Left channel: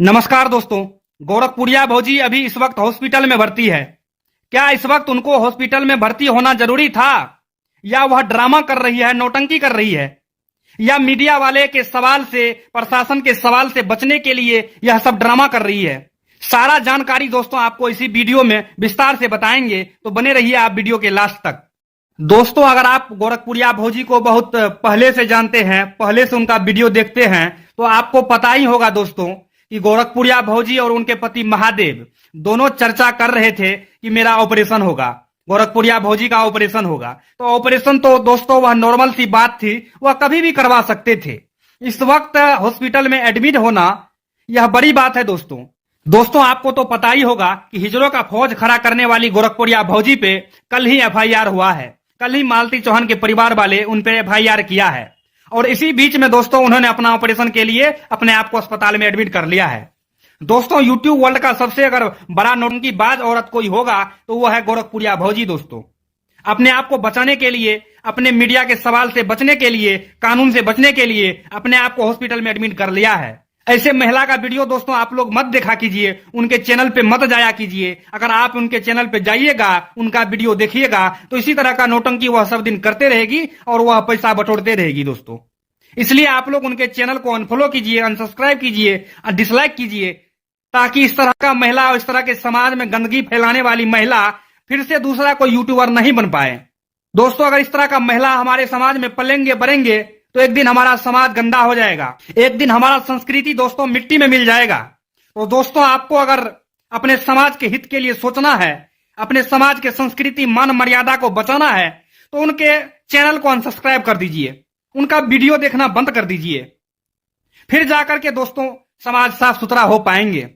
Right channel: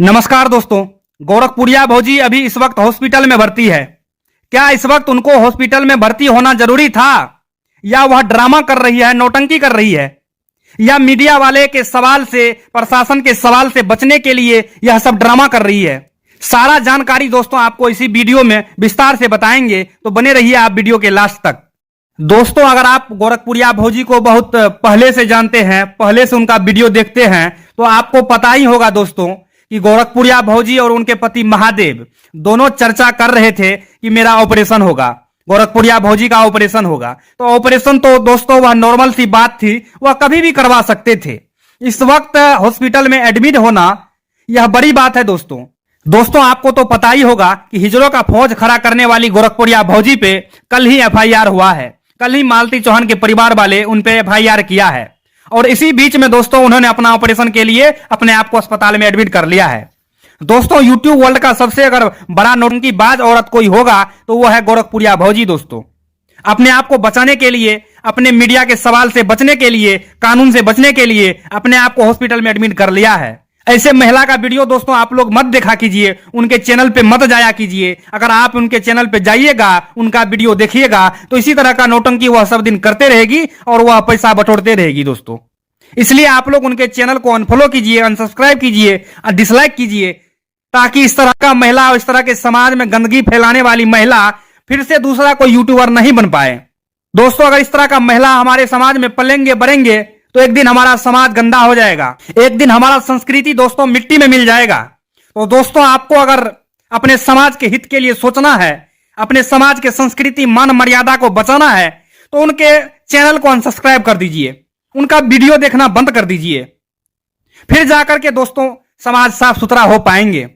नमस्कार दोस्तों। गोरखपुरिया भौजी अभी इस वक्त हॉस्पिटल में भर्ती है। क्या इस वक्त उनको हॉस्पिटल में भर्ती होना जरूरी था, या वह ड्रामा कर रही है, नौटंकी कर रही है, या मीडिया वाले के सवाल से, प्रशासन के सवाल से बचने के लिए यह सब ड्रामा कर रही है? सारा जानकारी दोस्तों आपको इसी वीडियो में विस्तार से बताएंगे, तो बने रहिए आप वीडियो के लास्ट तक। दोस्तों, अगर आप गोरखपुरिया भौजी को बहुत पहले से जानते हैं, पहले से उनका वीडियो देखते हैं, तो आपको पता ही होगा दोस्तों कि गोरखपुरिया भौजी और उनके पति महादेव दोनों चर्चा कर रहे थे कि मेरा ऑपरेशन होगा, गोरखपुरिया भौजी का ऑपरेशन होगा। तो ऑपरेशन तो दोस्तों वह नॉर्मल सी बात थी, वह कभी भी करवा सकते थे। इस वक्त हॉस्पिटल में एडमिट होना यह बड़ी बात है दोस्तों आपको तो पता ही होगा कि हिजड़ों का फौज खड़ा करने वाली गोरखपुरिया भौजी पे कल ही एफआईआर हुआ है। कल ही मालती चौहान के परिवार वाले उन पे एफआईआर किया है, और इसी बीच में दोस्तों उन्होंने अपना ऑपरेशन के लिए अपने आप को अस्पताल में एडमिट कर लिया है। दोस्तों, यूट्यूब वर्ल्ड का सबसे अगर बड़ा नौटंकीबाज औरत कोई होगा तो वो है गोरखपुरिया भौजी। दोस्तों, अपने आप को बचाने के लिए, अपने मीडिया के सवाल से बचने के लिए, कानून से बचने के लिए अपने आप को हॉस्पिटल में एडमिट कर लिया है। ऐसे महिला का वीडियो दोस्तों आप लोग मत देखा कीजिए, उनके चैनल पे मत जाया कीजिए। अगर आप उनके चैनल पे जाइएगा, उनका वीडियो देखिएगा, तो इसी तरह का नौटंकी वह सब दिन करते रहेगी और वह पैसा बटोरते रहेगी दोस्तों। इसलिए आप लोग उनके चैनल को अनफॉलो कीजिए, अनसब्सक्राइब कीजिए, डिसलाइक कीजिए, ताकि इस तरह का महिला और इस तरह के समाज में गंदगी फैलाने वाली महिला फिर से दूसरा कोई यूट्यूबर नहीं बन पाए। दोस्तों, अगर इस तरह का महिला हमारे समाज में पलेंगे बढ़ेंगे तो एक दिन हमारा समाज गंदा हो जाएगा, एक दिन हमारा संस्कृति दोस्तों मिट्टी में मिल जाएगा। तो दोस्तों, आपको अगर अपने समाज के हित के लिए सोचना है, अपने समाज के संस्कृति मान मर्यादा को बचाना है, तो उनके चैनल को अनसब्सक्राइब कर दीजिए, उनका वीडियो देखना बंद कर दीजिए। फिर जाकर के दोस्तों समाज साफ सुथरा हो पाएंगे।